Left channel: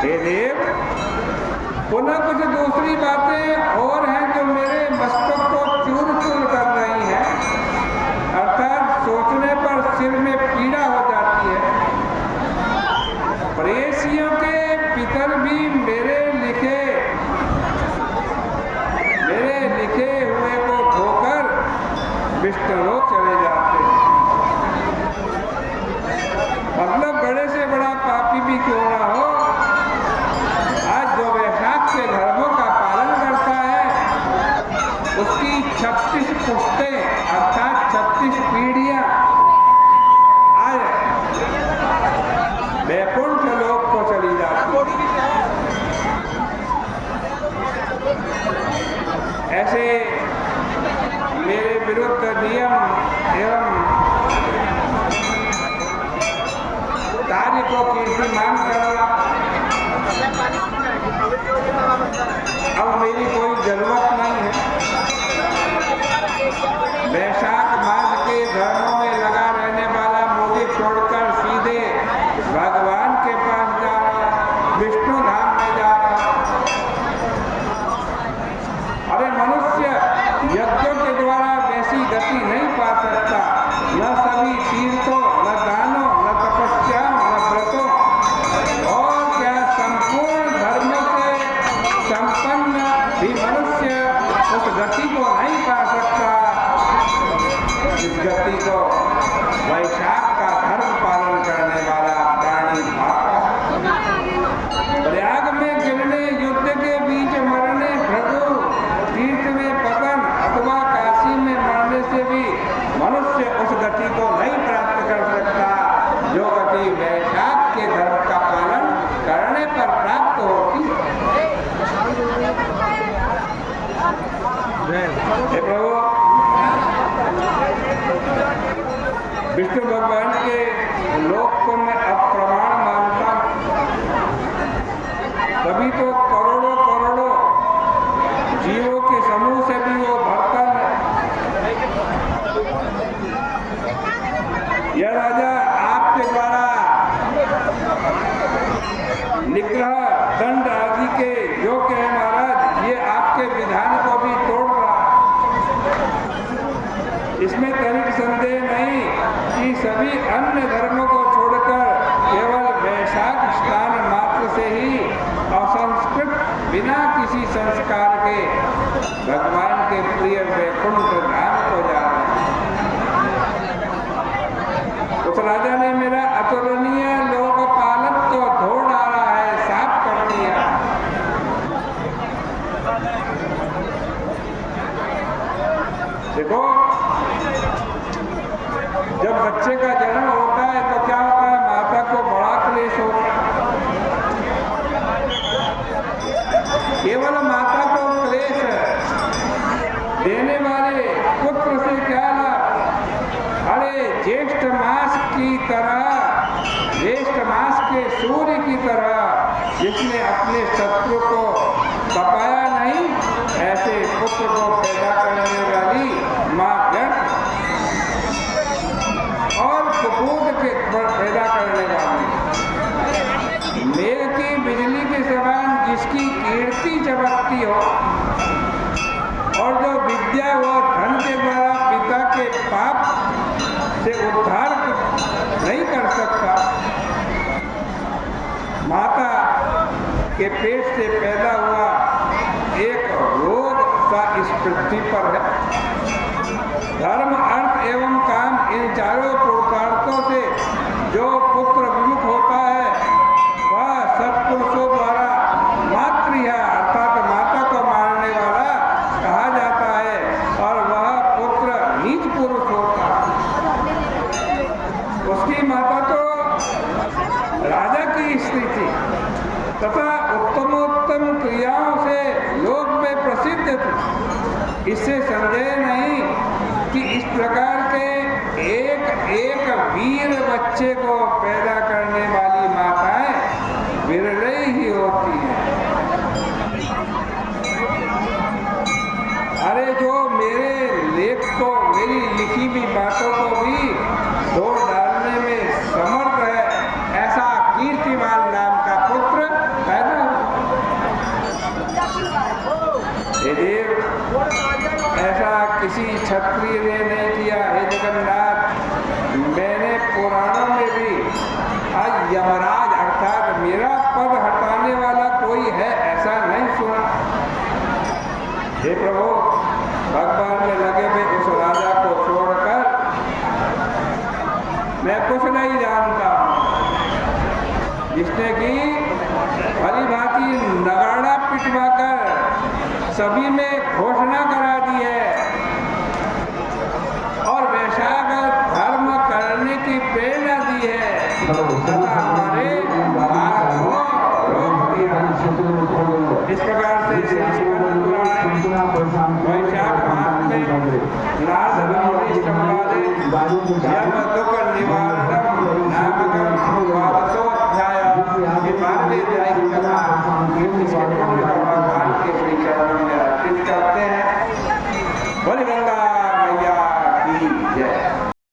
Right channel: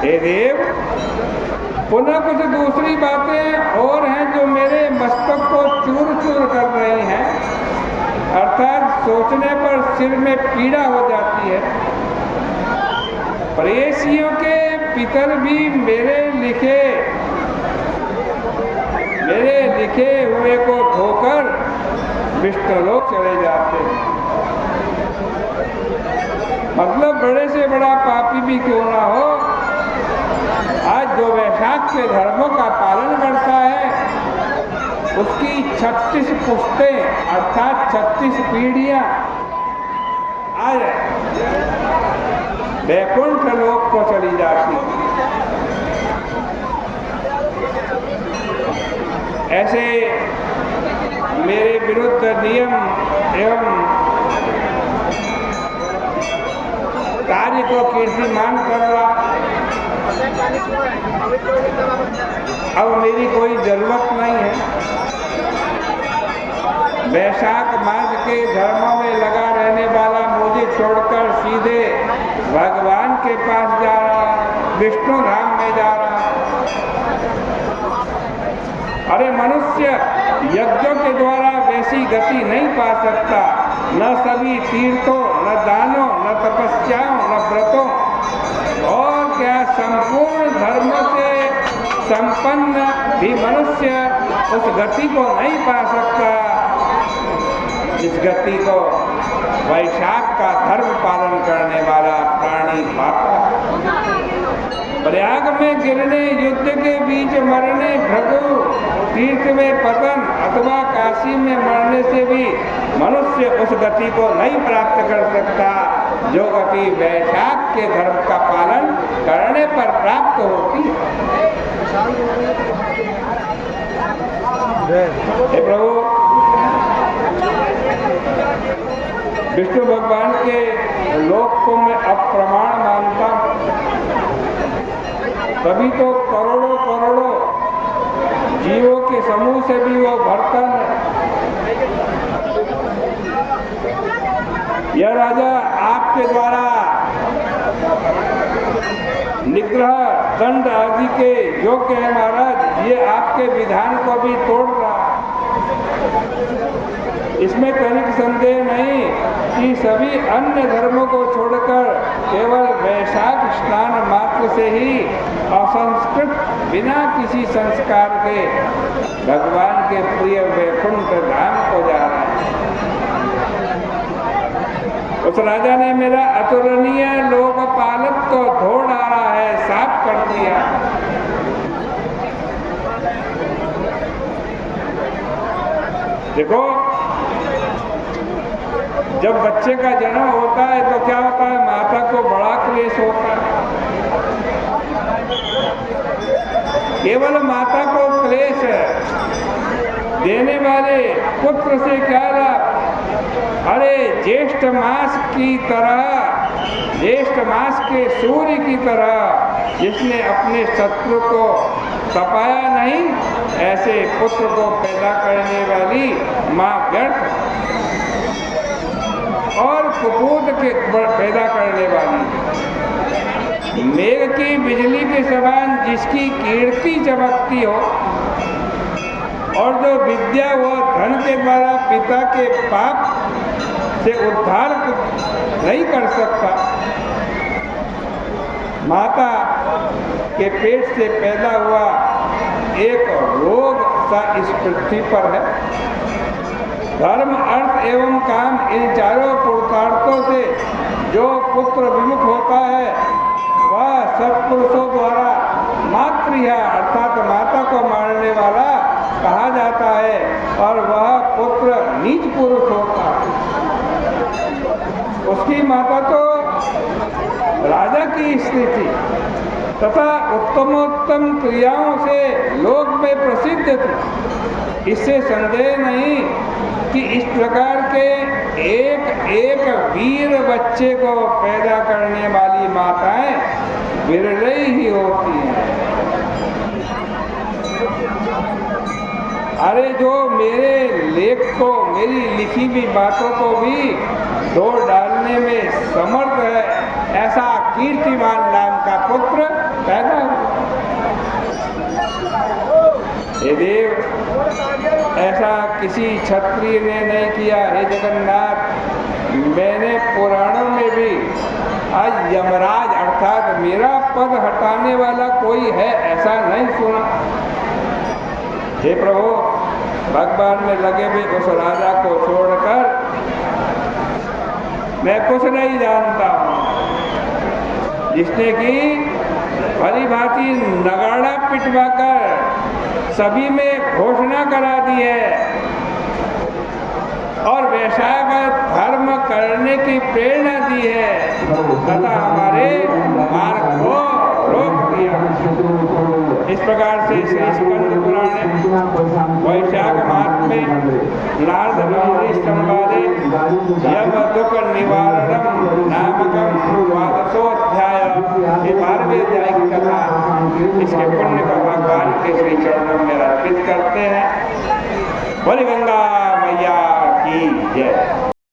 हे देव, पुनः कुछ दूसरी बातें और हैं जो मेरे मस्तक को चूर चूर कर रही हैं, अर्थात सोचने पर सिर में पीड़ा हो जाती है। प्रेयसियों के पितर भी मेरे लिखे हुए को धोकर विष्णुलोक चले जाते हैं। मतलब बड़े से बड़ा पापी भी क्यों ना हो, आज जो वैशाख के धर्मों का पालन करता है उसकी 36 पुश्तें अर्थात 36 पीढ़ियां आज वैकुंठ लोक को चली जाती। ऐसे मेरे विरुद्ध नियम एवं कार्य को कीर्तिमान कर रहा, अब मेरी कोई जरूरत नहीं है। वैशाख मास के धर्मों में लगा रहने वाला मुझे छोड़कर सीधे भगवान के पास जा रहा, विष्णु धाम में जा रहा। अरे मनुष्य यज्ञों के द्वारा वैसी गति नहीं पा सकता, न सभी तीर्थों, न दानों, न तपस्याओं, न व्रतों और क्या संपूर्ण धर्मों से संपन्न भी मनुष्य उस गति को नहीं पा सकता जिस गति को वैशाख का धर्म पालन करने वाला प्राणी पाता है। प्रयाग में गिरने, युद्ध के बीच मरने, भृगु तीर्थ में पतन अथवा काशी में मरने से भी मनुष्य उस गति को नहीं प्राप्त कर सकता जो गति वैशाख के धर्म का पालन करने पर प्राप्त होती है। हे प्रभु, विष्णु भगवान के लोक को मैं अप्रमाण मानता हूँ, तभी तो करोड़ों करोड़ों जीवों के समूह से भी वो बर्तन है। यह राजा आपके द्वारा निग्रह दंड आदि के योग्य है महाराज, ये आपके विधान को भी तोड़ रहा है। इसमें तनिक संदेह नहीं कि सभी अन्य धर्मों को छोड़कर केवल वैशाख स्नान मात्र से ही असंस्कृत बिना किसी संस्कार के भगवान के प्रिय वैकुंठ धाम को जा रहा है। उस राजा ने मेरा अतुलनीय लोकपालक को धो डाला है, साफ कर दिया। देखो, जब बच्चे का जन्म होता है तो क्या होता है, माता को बड़ा क्लेश होता है। केवल माता को क्लेश देने वाले पुत्र से क्या लाभ। अरे ज्येष्ठ मास की तरह, ज्येष्ठ मास के सूर्य की तरह जिसने अपने शत्रु को तपाया नहीं, ऐसे पुत्र को पैदा करने वाली माँ व्यर्थ और कुपूत के पैदा करने वाली। मेघ की बिजली के समान जिसकी कीर्ति चमकती हो और जो विद्या व धन के द्वारा पिता के पाप से उद्धार नहीं कर सकता, माता के पेट से पैदा हुआ एक रोग सा इस पृथ्वी पर है। धर्म, अर्थ एवं काम, इन चारों पुरुषार्थों से जो पुत्र विमुख होता है वह सत्पुरुषों द्वारा मातृया अर्थात माता को मारने वाला कहा जाता है और वह पुत्र नीच पुरुष होता है। उसकी माता तो राजा की स्त्री थी तथा उत्तमोत्तम क्रियाओं से लोक में प्रसिद्ध थी। इससे संदेह नहीं कि इस प्रकार के एक एक वीर बच्चे को पैदा करने वाली माताएं विरले ही होती हैं। अरे जो मेरे लेख को, मेरी लिखी हुई बातों को भी तोड़ डालने में समर्थ है, ऐसा कीर्तिमान नाम का पुत्र पैदा हुआ। हे देव, ऐसा किसी क्षत्रिय ने नहीं किया। हे जगन्नाथ, मैंने पुराणों में भी आज यमराज अर्थात मेरा पद हटाने वाला कोई है ऐसा नहीं सुना। हे प्रभु, भगवान में लगे हुए उस राजा को छोड़कर मैं कुछ नहीं जानता हूँ, जिसने कि भली भांति नगाड़ा पिटवाकर सभी में घोषणा करा दी है और वैशागर धर्म करने की प्रेरणा दी है तथा हमारे मार्ग को रोक दिया। इस प्रकार से श्री स्कंद पुराण वैशाख मास में नारद मुनि संवादे यम दुख निवारणम नामकम द्वादशोऽध्याय, ये 12वें अध्याय की कथा। इसके पुण्य को भगवान के श्री चरणों में अर्पित करते हैं। बोली गंगा मैया की जय।